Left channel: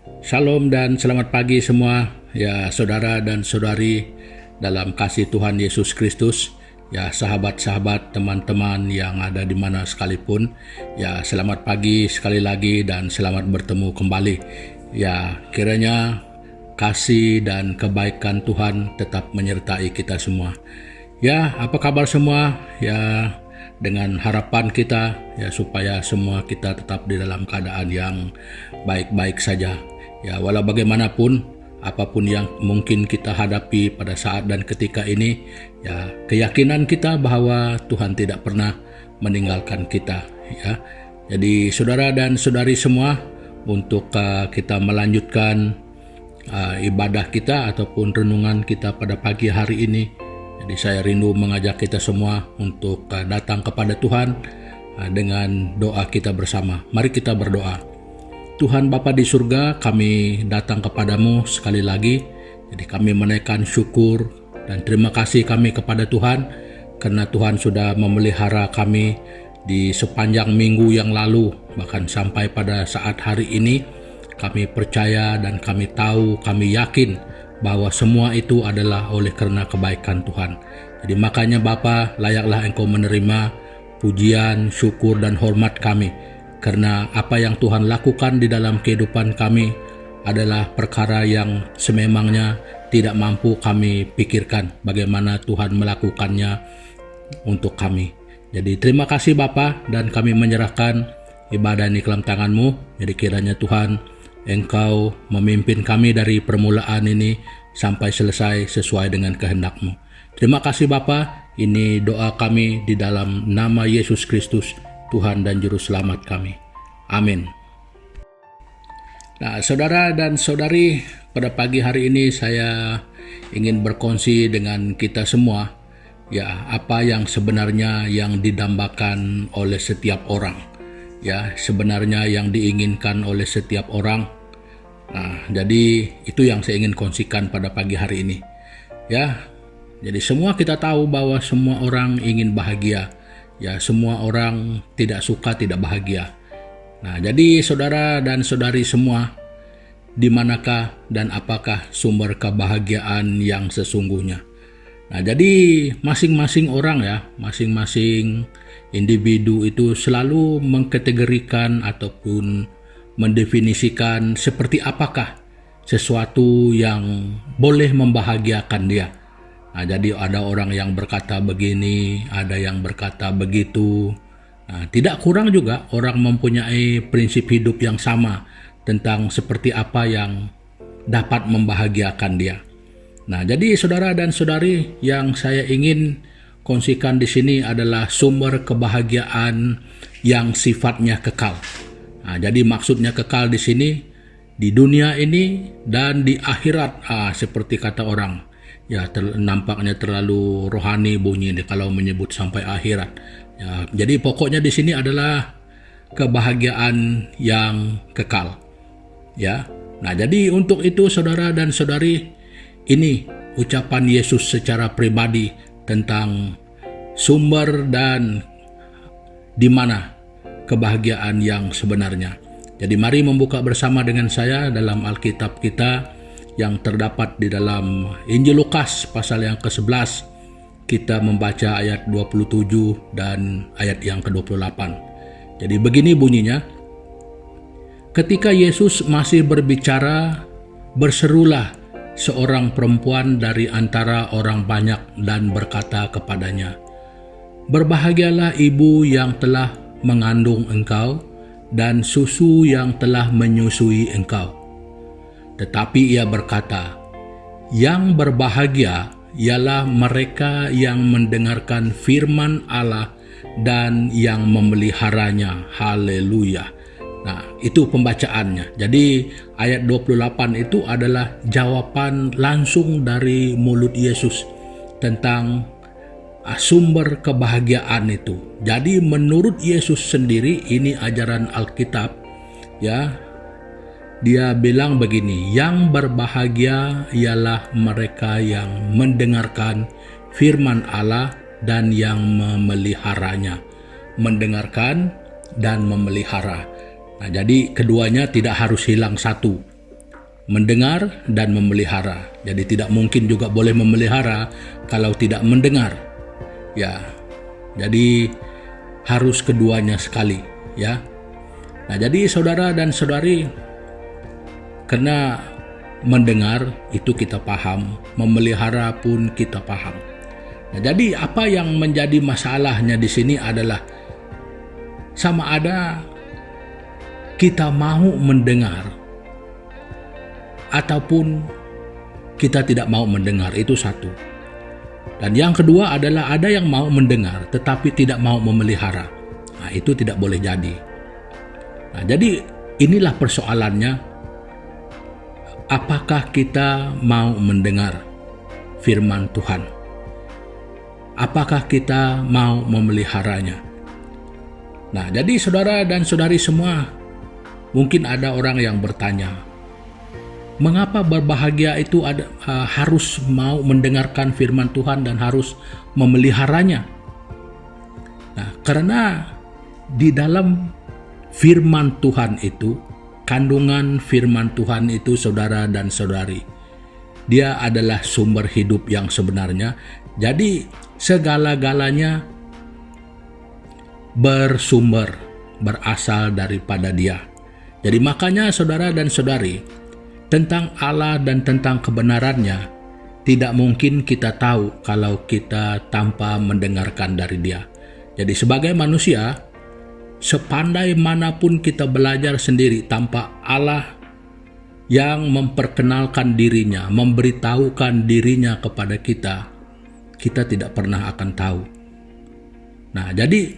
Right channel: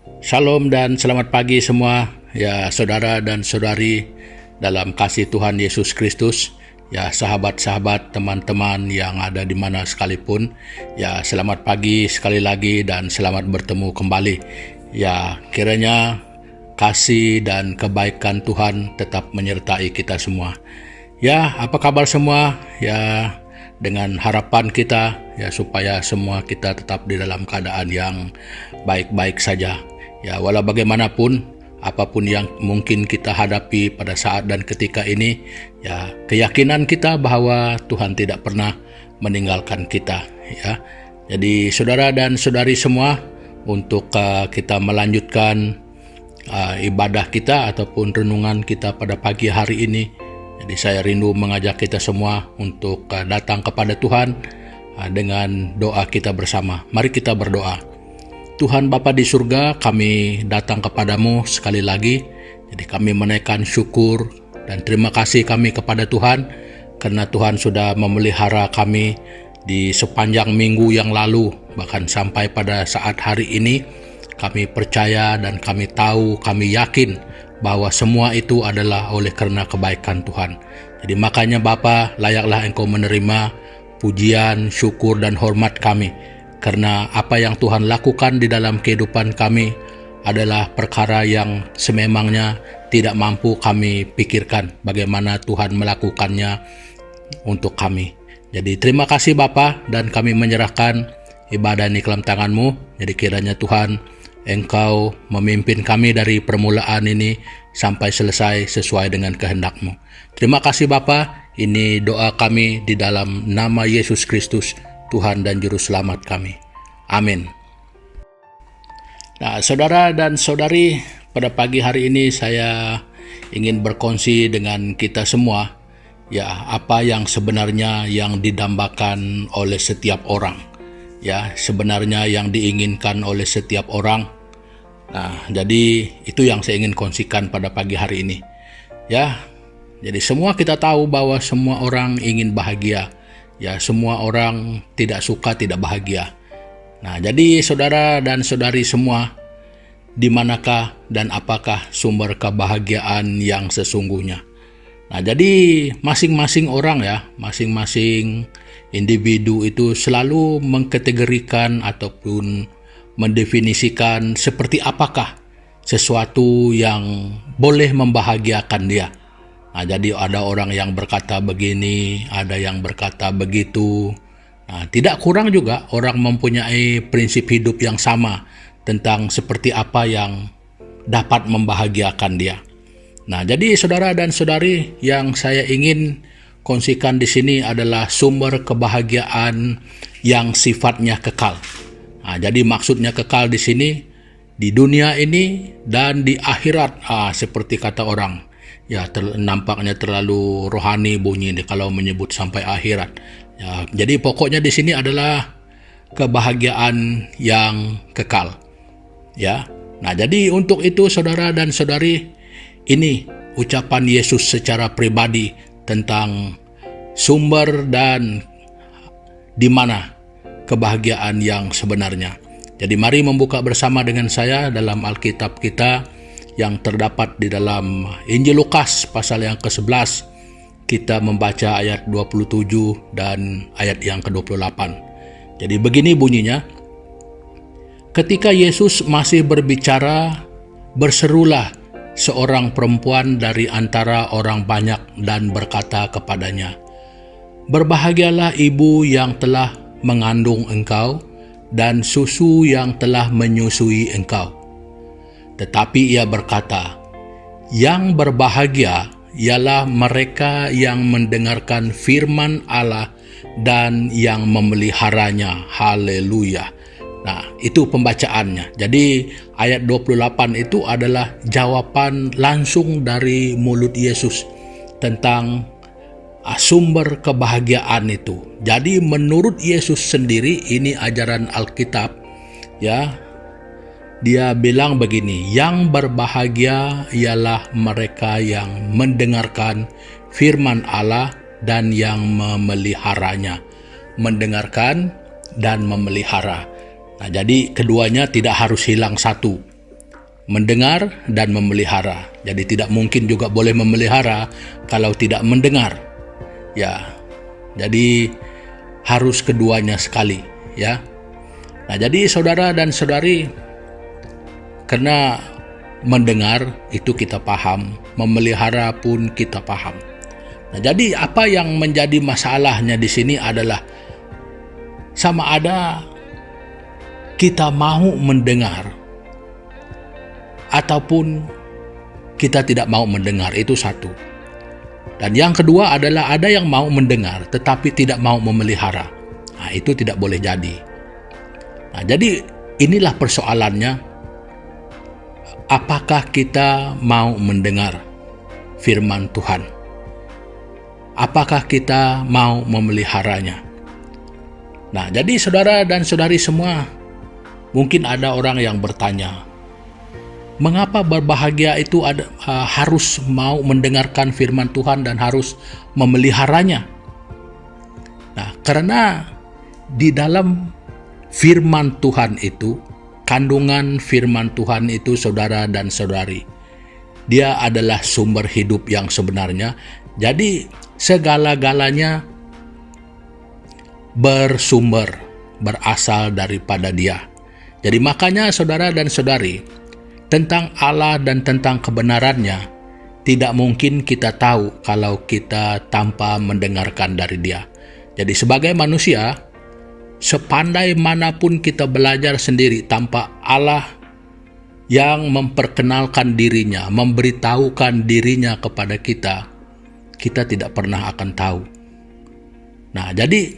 Shalom dan selamat pagi semua, ya saudara dan saudari dalam kasih Tuhan Yesus Kristus, ya sahabat-sahabat, teman-teman yang ada di mana sekalipun, ya selamat pagi sekali lagi dan selamat bertemu kembali. Ya kiranya kasih dan kebaikan Tuhan tetap menyertai kita semua. Ya, apa kabar semua? Ya, dengan harapan kita ya supaya semua kita tetap di dalam keadaan yang baik-baik saja. Ya, walau bagaimanapun, apapun yang mungkin kita hadapi pada saat dan ketika ini, ya keyakinan kita bahwa Tuhan tidak pernah meninggalkan kita. Ya, jadi saudara dan saudari semua, untuk kita melanjutkan ibadah kita ataupun renungan kita pada pagi hari ini. Jadi saya rindu mengajak kita semua untuk datang kepada Tuhan dengan doa kita bersama. Mari kita berdoa. Tuhan Bapa di surga, kami datang kepadamu sekali lagi. Jadi kami menaikkan syukur dan terima kasih kami kepada Tuhan, karena Tuhan sudah memelihara kami di sepanjang minggu yang lalu, bahkan sampai pada saat hari ini. Kami percaya dan kami tahu, kami yakin bahwa semua itu adalah oleh karena kebaikan Tuhan. Jadi makanya Bapa, layaklah Engkau menerima pujian, syukur dan hormat kami. Karena apa yang Tuhan lakukan di dalam kehidupan kami adalah perkara yang sememangnya tidak mampu kami pikirkan bagaimana Tuhan melakukannya untuk kami. Jadi terima kasih Bapa, dan kami menyerahkan ibadah ini ke dalam tangan-Mu. Jadi kiranya Tuhan, Engkau memimpin kami dari permulaan ini sampai selesai sesuai dengan kehendak-Mu. Terima kasih Bapa, ini doa kami di dalam nama Yesus Kristus, Tuhan dan Juru Selamat kami. Amin. Nah, saudara dan saudari, pada pagi hari ini saya ingin berkongsi dengan kita semua, ya apa yang sebenarnya yang didambakan oleh setiap orang. Ya, sebenarnya yang diinginkan oleh setiap orang. Nah, jadi itu yang saya ingin kongsikan pada pagi hari ini. Ya, jadi semua kita tahu bahwa semua orang ingin bahagia. Ya, semua orang tidak suka tidak bahagia. Nah, jadi saudara dan saudari semua, di manakah dan apakah sumber kebahagiaan yang sesungguhnya? Nah, jadi masing-masing orang ya, masing-masing individu itu selalu mengkategorikan ataupun mendefinisikan seperti apakah sesuatu yang boleh membahagiakan dia. Nah, jadi ada orang yang berkata begini, ada yang berkata begitu. Nah, tidak kurang juga orang mempunyai prinsip hidup yang sama tentang seperti apa yang dapat membahagiakan dia. Nah, jadi saudara dan saudari, yang saya ingin kongsikan di sini adalah sumber kebahagiaan yang sifatnya kekal. Nah, jadi maksudnya kekal di sini di dunia ini dan di akhirat. Seperti kata orang, ya nampaknya terlalu rohani bunyi kalau menyebut sampai akhirat. Ya, jadi pokoknya di sini adalah kebahagiaan yang kekal. Ya. Nah, jadi untuk itu saudara dan saudari, ini ucapan Yesus secara pribadi tentang sumber dan di mana kebahagiaan yang sebenarnya. Jadi mari membuka bersama dengan saya dalam Alkitab kita yang terdapat di dalam Injil Lukas pasal yang ke-11. Kita membaca ayat 27 dan ayat yang ke-28. Jadi begini bunyinya. Ketika Yesus masih berbicara, berserulah seorang perempuan dari antara orang banyak dan berkata kepadanya, "Berbahagialah ibu yang telah mengandung engkau dan susu yang telah menyusui engkau." Tetapi ia berkata, "Yang berbahagia ialah mereka yang mendengarkan firman Allah dan yang memeliharanya." Haleluya. Nah, itu pembacaannya. Jadi ayat 28 itu adalah jawaban langsung dari mulut Yesus tentang sumber kebahagiaan itu. Jadi menurut Yesus sendiri, ini ajaran Alkitab, ya. Dia bilang begini, yang berbahagia ialah mereka yang mendengarkan firman Allah dan yang memeliharanya. Mendengarkan dan memelihara. Nah, jadi keduanya tidak harus hilang satu. mendengar dan memelihara. Jadi tidak mungkin juga boleh memelihara kalau tidak mendengar. Ya. Jadi harus keduanya sekali, ya. Nah, jadi saudara dan saudari, karena mendengar itu kita paham, memelihara pun kita paham. Nah, jadi apa yang menjadi masalahnya di sini adalah sama ada kita mau mendengar ataupun kita tidak mau mendengar, itu satu. Dan yang kedua adalah ada yang mau mendengar tetapi tidak mau memelihara. Nah, itu tidak boleh jadi. Nah, jadi inilah persoalannya. Apakah kita mau mendengar firman Tuhan? Apakah kita mau memeliharanya? Nah, jadi saudara dan saudari semua, mungkin ada orang yang bertanya, mengapa berbahagia itu harus mau mendengarkan firman Tuhan dan harus memeliharanya? Nah, karena di dalam firman Tuhan itu, kandungan firman Tuhan itu saudara dan saudari, dia adalah sumber hidup yang sebenarnya. Jadi segala-galanya berasal daripada Dia. Jadi makanya saudara dan saudari, tentang Allah dan tentang kebenarannya tidak mungkin kita tahu kalau kita tanpa mendengarkan dari Dia. Jadi sebagai manusia, sepandai manapun kita belajar sendiri tanpa Allah yang memperkenalkan dirinya, memberitahukan dirinya kepada kita, kita tidak pernah akan tahu. Nah, jadi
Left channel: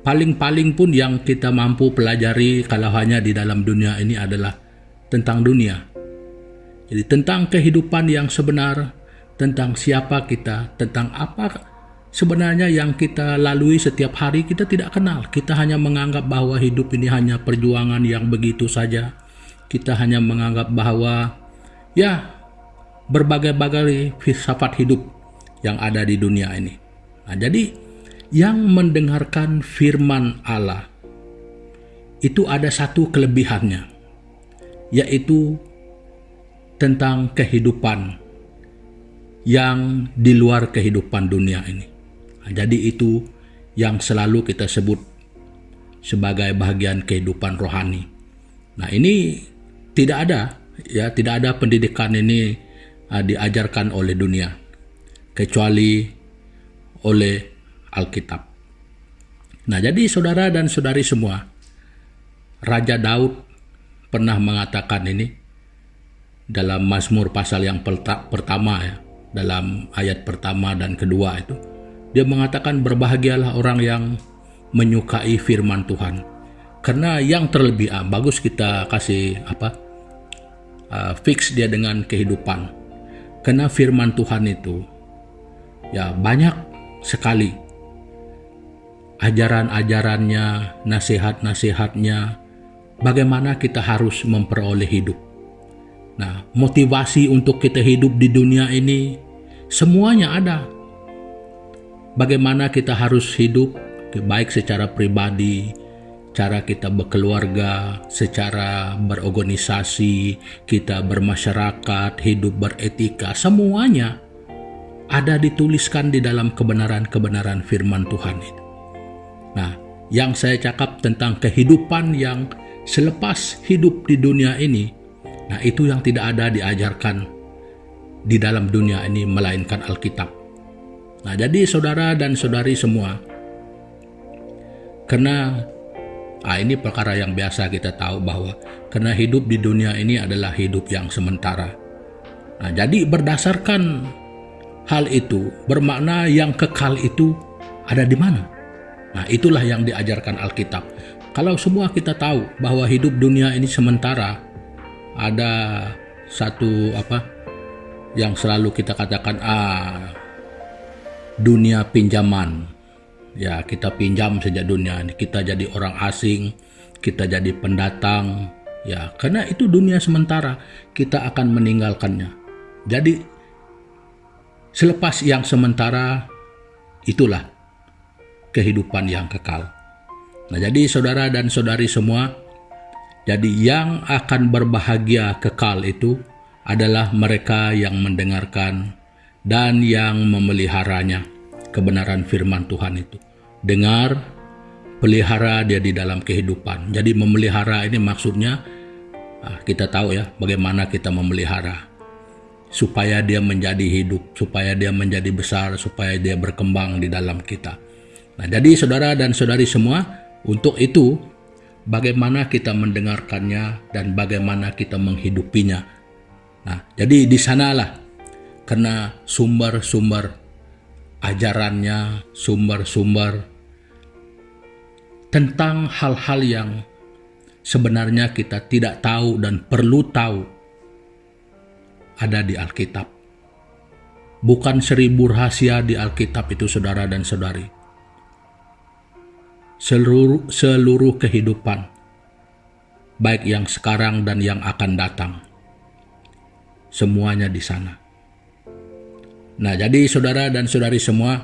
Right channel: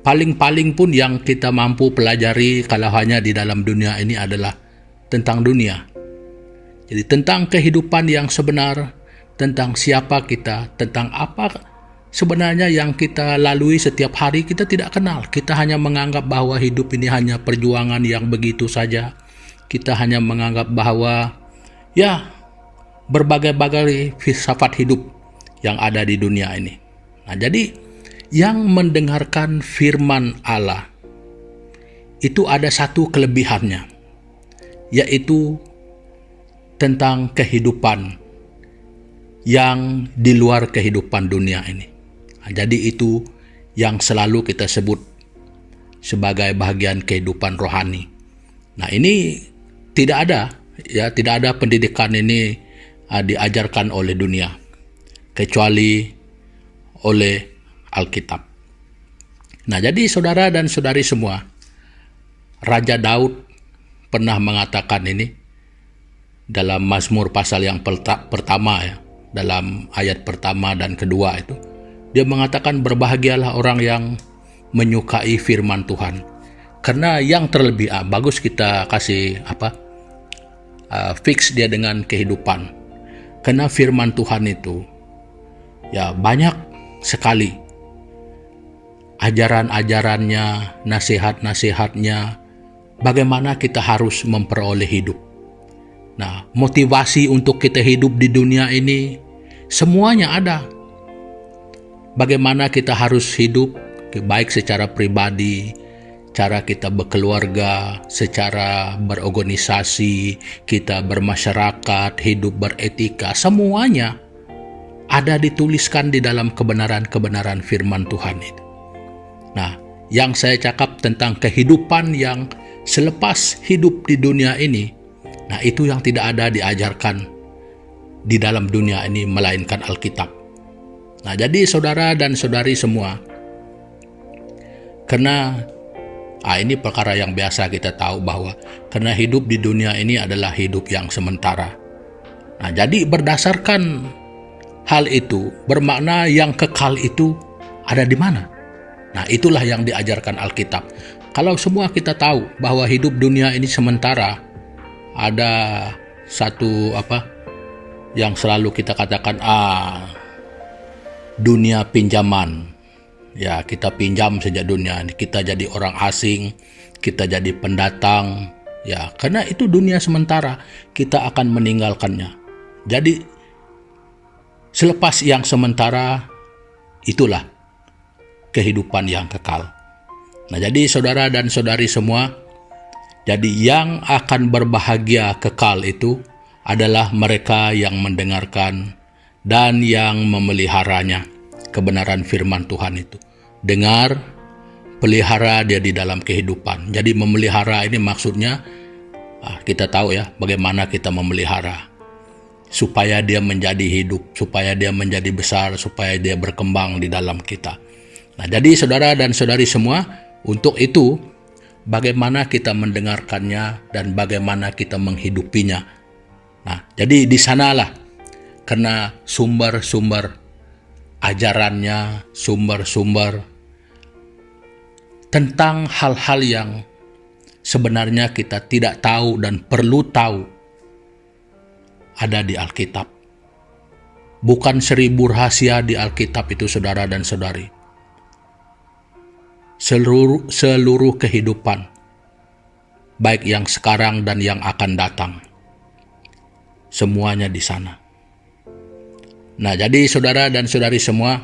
paling-paling pun yang kita mampu pelajari kalau hanya di dalam dunia ini adalah tentang dunia. Jadi tentang kehidupan yang sebenar, tentang siapa kita, tentang apa sebenarnya yang kita lalui setiap hari, kita tidak kenal. Kita hanya menganggap bahwa hidup ini hanya perjuangan yang begitu saja. Kita hanya menganggap bahwa ya berbagai-bagai filsafat hidup yang ada di dunia ini. Nah, jadi yang mendengarkan firman Allah itu ada satu kelebihannya, yaitu tentang kehidupan yang di luar kehidupan dunia ini. Nah, jadi itu yang selalu kita sebut sebagai bagian kehidupan rohani. Nah, ini tidak ada pendidikan ini diajarkan oleh dunia kecuali oleh Alkitab. Nah, jadi saudara dan saudari semua, Raja Daud pernah mengatakan ini dalam Mazmur pasal yang pertama, ya, dalam ayat pertama dan kedua itu. Dia mengatakan berbahagialah orang yang menyukai firman Tuhan. Karena yang terlebih bagus kita kasih fix dia dengan kehidupan. Karena firman Tuhan itu ya banyak sekali ajaran-ajarannya, nasihat-nasihatnya, bagaimana kita harus memperoleh hidup. Nah, motivasi untuk kita hidup di dunia ini semuanya ada. Bagaimana kita harus hidup, baik secara pribadi, cara kita berkeluarga, secara berorganisasi, kita bermasyarakat, hidup beretika, semuanya ada dituliskan di dalam kebenaran-kebenaran firman Tuhan itu. Nah, yang saya cakap tentang kehidupan yang selepas hidup di dunia ini, nah itu yang tidak ada diajarkan di dalam dunia ini melainkan Alkitab. Nah, jadi saudara dan saudari semua, karena ini perkara yang biasa kita tahu bahwa karena hidup di dunia ini adalah hidup yang sementara. Nah, jadi berdasarkan hal itu, bermakna yang kekal itu ada di mana? Nah, itulah yang diajarkan Alkitab. Kalau semua kita tahu bahwa hidup dunia ini sementara, ada satu yang selalu kita katakan, dunia pinjaman. Ya, kita pinjam saja dunia ini, kita jadi orang asing, kita jadi pendatang. Ya, karena itu dunia sementara, kita akan meninggalkannya. Jadi selepas yang sementara, itulah kehidupan yang kekal. Nah, jadi saudara dan saudari semua, Jadi yang akan berbahagia kekal itu adalah mereka yang mendengarkan dan yang memeliharanya, kebenaran firman Tuhan itu. Dengar, pelihara dia di dalam kehidupan. Jadi memelihara ini maksudnya, kita tahu ya bagaimana kita memelihara. Supaya dia menjadi hidup, supaya dia menjadi besar, supaya dia berkembang di dalam kita. Nah, jadi saudara dan saudari semua, untuk itu bagaimana kita mendengarkannya dan bagaimana kita menghidupinya. Nah, jadi di sanalah karena sumber-sumber ajarannya, sumber-sumber tentang hal-hal yang sebenarnya kita tidak tahu dan perlu tahu ada di Alkitab. Bukan 1000 rahasia di Alkitab itu, saudara dan saudari. Seluruh kehidupan, baik yang sekarang dan yang akan datang, semuanya di sana. Nah, jadi saudara dan saudari semua,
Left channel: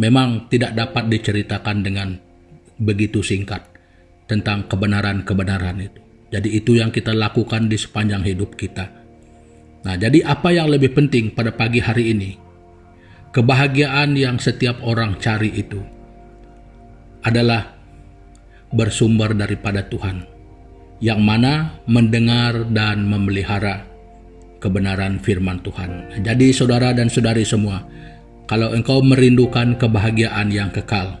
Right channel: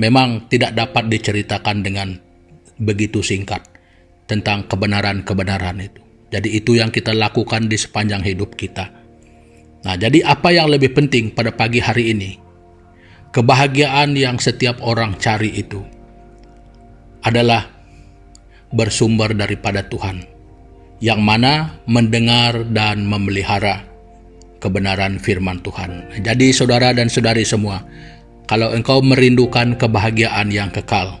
memang tidak dapat diceritakan dengan begitu singkat tentang kebenaran-kebenaran itu. Jadi itu yang kita lakukan di sepanjang hidup kita. Nah, jadi apa yang lebih penting pada pagi hari ini? Kebahagiaan yang setiap orang cari itu adalah bersumber daripada Tuhan, yang mana mendengar dan memelihara kebenaran firman Tuhan. Jadi saudara dan saudari semua, kalau engkau merindukan kebahagiaan yang kekal,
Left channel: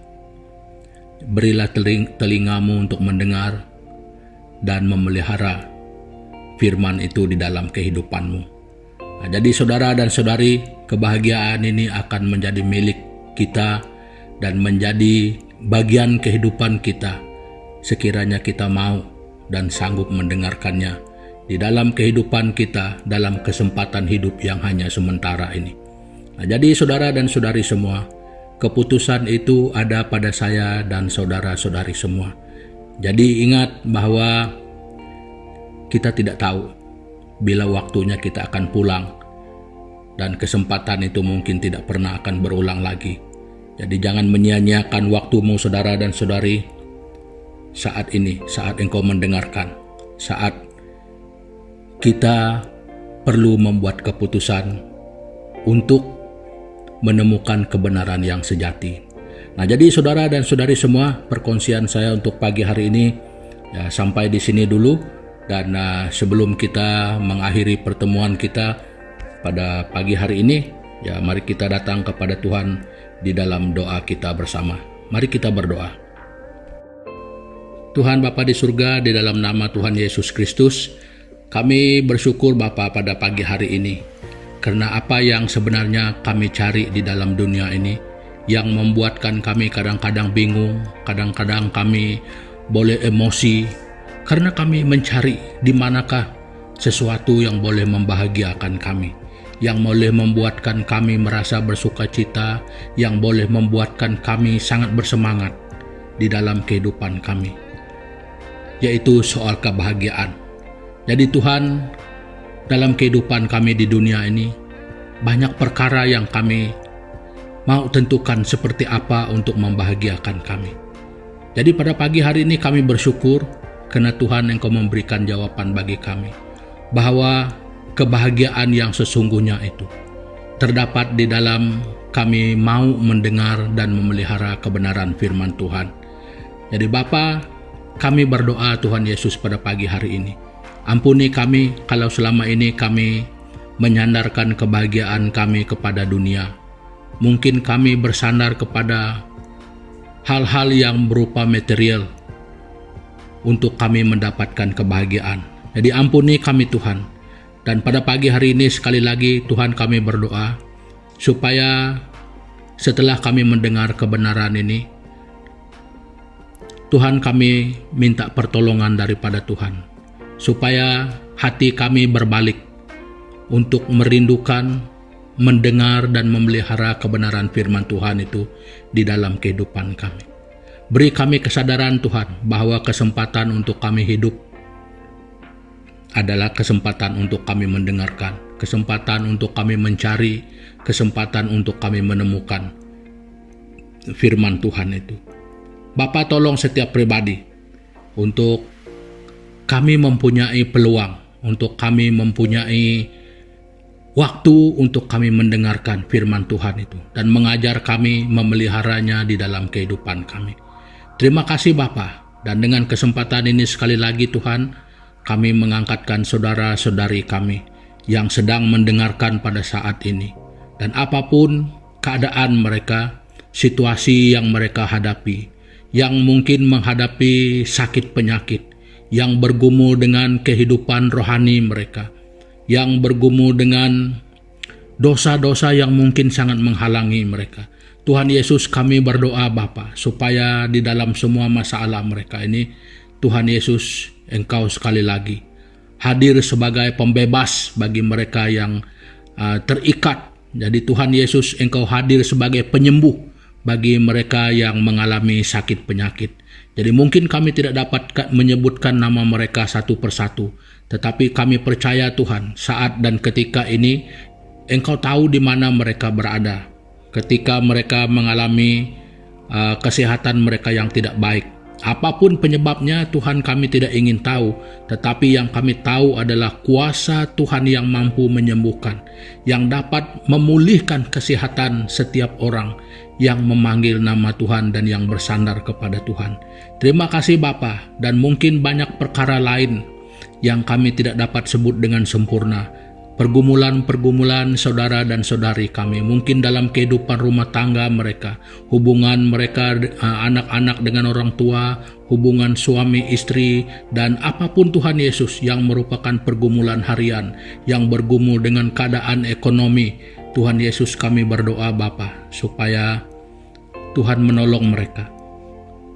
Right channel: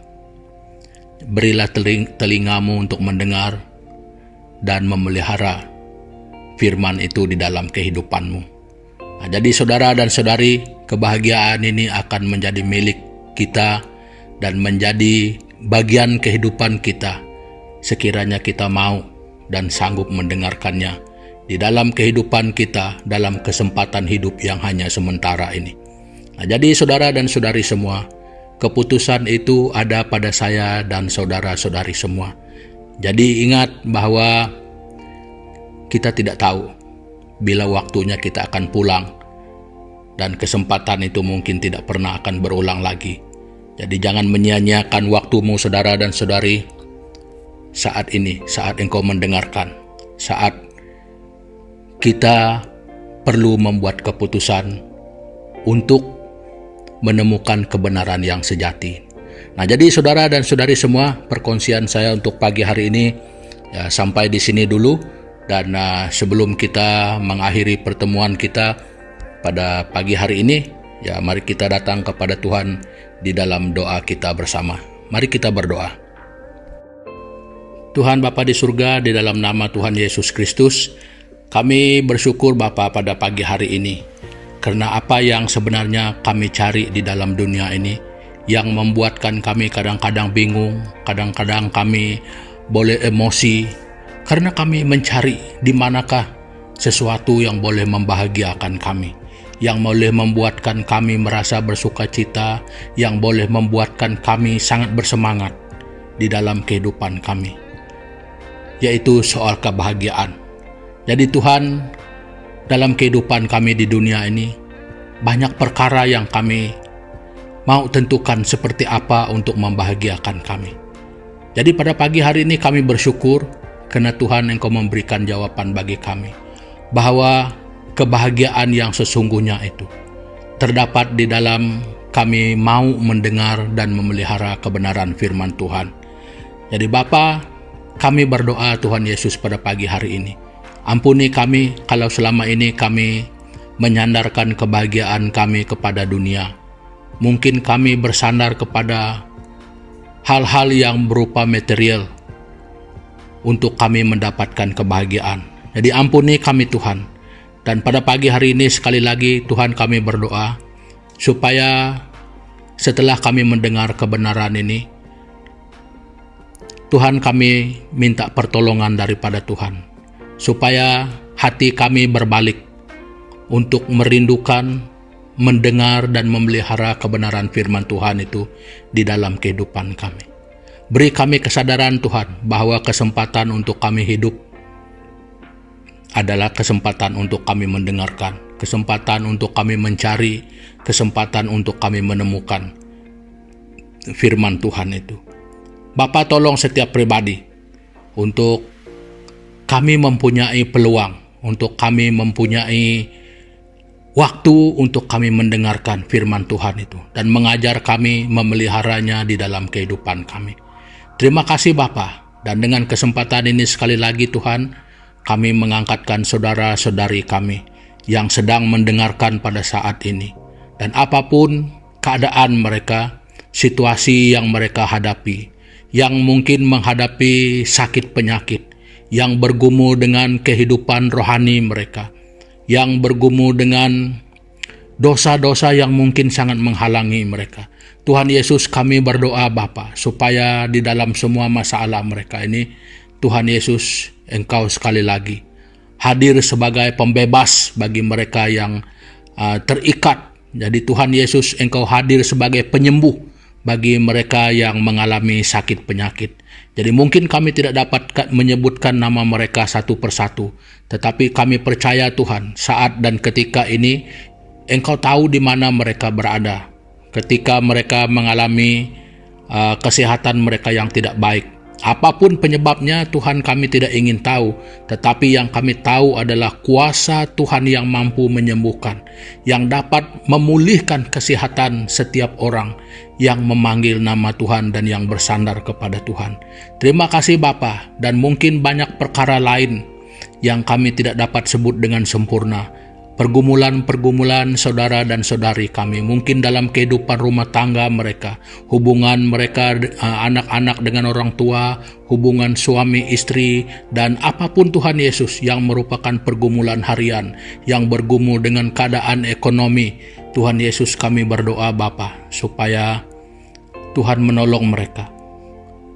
berilah telingamu untuk mendengar dan memelihara firman itu di dalam kehidupanmu. Nah, jadi saudara dan saudari, kebahagiaan ini akan menjadi milik kita dan menjadi bagian kehidupan kita sekiranya kita mau dan sanggup mendengarkannya di dalam kehidupan kita dalam kesempatan hidup yang hanya sementara ini. Nah, jadi saudara dan saudari semua, keputusan itu ada pada saya dan saudara-saudari semua. Jadi ingat bahwa kita tidak tahu bila waktunya kita akan pulang, dan kesempatan itu mungkin tidak pernah akan berulang lagi. Jadi jangan menyia-nyiakan waktumu, saudara dan saudari, saat ini, saat engkau mendengarkan, saat kita perlu membuat keputusan untuk menemukan kebenaran yang sejati. Nah, jadi saudara dan saudari semua, perkongsian saya untuk pagi hari ini ya, sampai di sini dulu. Dan sebelum kita mengakhiri pertemuan kita pada pagi hari ini, ya mari kita datang kepada Tuhan di dalam doa kita bersama. Mari kita berdoa. Tuhan Bapa di surga, di dalam nama Tuhan Yesus Kristus, kami bersyukur Bapa pada pagi hari ini, karena apa yang sebenarnya kami cari di dalam dunia ini, yang membuatkan kami kadang-kadang bingung, kadang-kadang kami boleh emosi, karena kami mencari di manakah sesuatu yang boleh membahagiakan kami, yang boleh membuatkan kami merasa bersuka cita, yang boleh membuatkan kami sangat bersemangat di dalam kehidupan kami, yaitu soal kebahagiaan. Jadi Tuhan, dalam kehidupan kami di dunia ini, banyak perkara yang kami mau tentukan seperti apa untuk membahagiakan kami. Jadi pada pagi hari ini kami bersyukur karena Tuhan Engkau memberikan jawaban bagi kami, bahwa kebahagiaan yang sesungguhnya itu terdapat di dalam kami mau mendengar dan memelihara kebenaran firman Tuhan. Jadi Bapa, kami berdoa Tuhan Yesus pada pagi hari ini, ampuni kami kalau selama ini kami menyandarkan kebahagiaan kami kepada dunia. Mungkin kami bersandar kepada hal-hal yang berupa material untuk kami mendapatkan kebahagiaan. Jadi ampuni kami Tuhan. Dan pada pagi hari ini sekali lagi Tuhan kami berdoa supaya setelah kami mendengar kebenaran ini, Tuhan kami minta pertolongan daripada Tuhan, supaya hati kami berbalik untuk merindukan, mendengar dan memelihara kebenaran firman Tuhan itu di dalam kehidupan kami. Beri kami kesadaran Tuhan bahwa kesempatan untuk kami hidup adalah kesempatan untuk kami mendengarkan, kesempatan untuk kami mencari, kesempatan untuk kami menemukan firman Tuhan itu. Bapa, tolong setiap pribadi untuk kami mempunyai peluang, untuk kami mempunyai waktu untuk kami mendengarkan firman Tuhan itu dan mengajar kami memeliharanya di dalam kehidupan kami. Terima kasih Bapa, dan dengan kesempatan ini sekali lagi Tuhan, kami mengangkatkan saudara-saudari kami yang sedang mendengarkan pada saat ini. Dan apapun keadaan mereka, situasi yang mereka hadapi, yang mungkin menghadapi sakit penyakit, yang bergumul dengan kehidupan rohani mereka, yang bergumul dengan dosa-dosa yang mungkin sangat menghalangi mereka. Tuhan Yesus, kami berdoa Bapa, supaya di dalam semua masalah mereka ini, Tuhan Yesus, Engkau sekali lagi hadir sebagai pembebas bagi mereka yang terikat. Jadi Tuhan Yesus, Engkau hadir sebagai penyembuh bagi mereka yang mengalami sakit penyakit. Jadi mungkin kami tidak dapat menyebutkan nama mereka satu persatu, tetapi kami percaya Tuhan, saat dan ketika ini Engkau tahu di mana mereka berada ketika mereka mengalami kesehatan mereka yang tidak baik. Apapun penyebabnya Tuhan, kami tidak ingin tahu, tetapi yang kami tahu adalah kuasa Tuhan yang mampu menyembuhkan, yang dapat memulihkan kesehatan setiap orang yang memanggil nama Tuhan dan yang bersandar kepada Tuhan. Terima kasih Bapa, dan mungkin banyak perkara lain yang kami tidak dapat sebut dengan sempurna. Pergumulan-pergumulan saudara dan saudari kami, mungkin dalam kehidupan rumah tangga mereka, hubungan mereka anak-anak dengan orang tua, hubungan suami istri, dan apapun Tuhan Yesus yang merupakan pergumulan harian, yang bergumul dengan keadaan ekonomi. Tuhan Yesus, kami berdoa Bapa, supaya Tuhan menolong mereka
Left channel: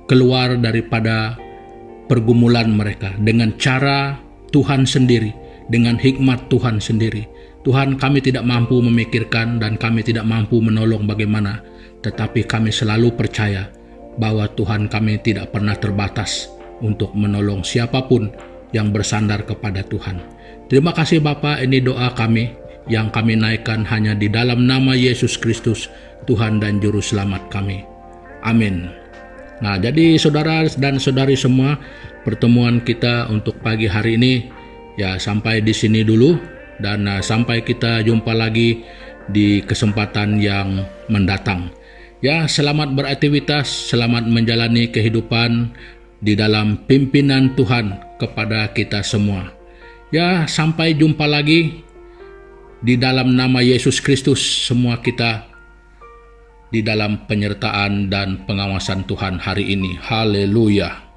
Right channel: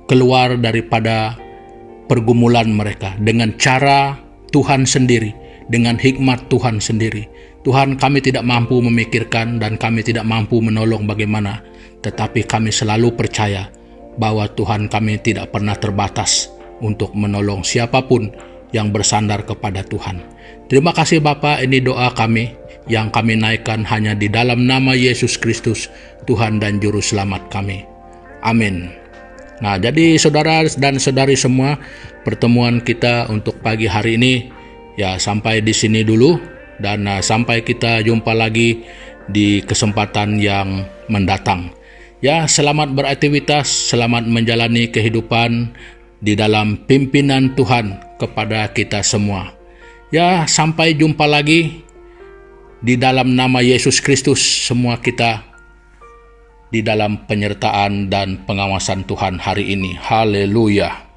keluar daripada pergumulan mereka dengan cara Tuhan sendiri, dengan hikmat Tuhan sendiri. Tuhan, kami tidak mampu memikirkan dan kami tidak mampu menolong bagaimana, tetapi kami selalu percaya bahwa Tuhan, kami tidak pernah terbatas untuk menolong siapapun yang bersandar kepada Tuhan. Terima kasih Bapa, ini doa kami yang kami naikkan hanya di dalam nama Yesus Kristus, Tuhan dan Juru Selamat kami. Amin. Nah, jadi saudara dan saudari semua, pertemuan kita untuk pagi hari ini ya sampai di sini dulu, dan sampai kita jumpa lagi di kesempatan yang mendatang. Ya, selamat beraktivitas, selamat menjalani kehidupan di dalam pimpinan Tuhan kepada kita semua. Ya, sampai jumpa lagi di dalam nama Yesus Kristus, semua kita di dalam penyertaan dan pengawasan Tuhan hari ini. Haleluya.